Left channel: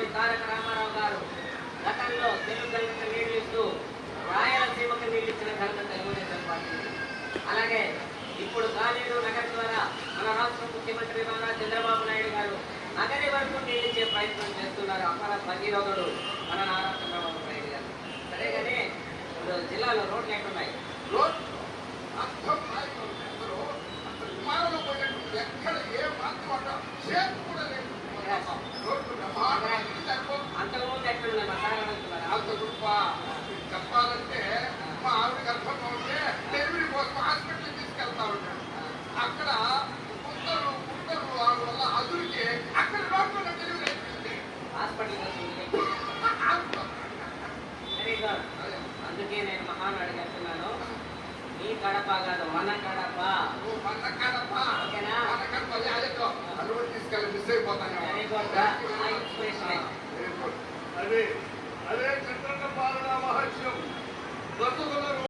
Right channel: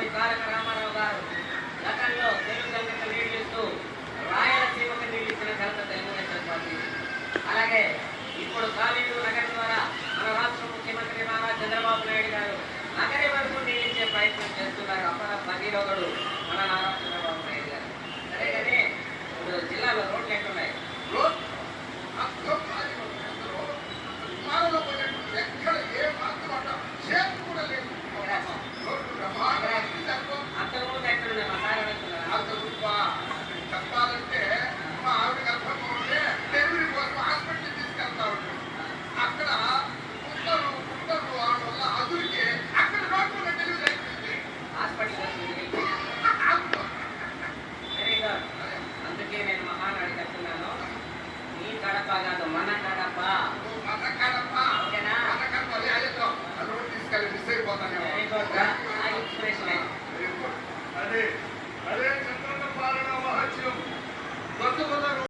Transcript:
నందమూరి తారక రామారావు గారు గతంలో తెలుగు నీళ్లు ఇస్తూ రాయలసీమకు నీళ్లు ఇచ్చిన ఘనత తెలుగుదేశం పార్టీ. అలాగే ఇప్పుడు కాలేరు నగరం ద్వారా మన రాష్ట్ర ముఖ్యమంత్రి నారా చంద్రబాబు నాయుడు గారు నగరి వరకు నీళ్ళు ఇచ్చే ప్రయత్నం చేస్తున్నారు. అక్కడ భగీరథుడు మన నారా చంద్రబాబు నాయుడు గారు. సరే కానీ ఇప్పుడు జిల్లాలో రోడ్లు ఎట్లున్నాయి? అంతకుముందు ఎట్లున్నాయి? చెప్పాలంటే మా ఆవిడ గర్భం ఉంటే డెలివరీ కోసం హాస్పిటల్ తీసుకెళ్తారు. అక్కడ కుక్కలు వాడి వల్ల అదురికి అక్కడ డాక్టర్ డెలివరీ అయిపోయింది హాస్పిటల్. అందుకే నేను మహానాడు కట్టున్నాను. నీ కడప కాదు, మన కడప. ఓకేనా? అది తీసుకెళ్ళి మిస్ అయిపోతాను. Very good. Very good.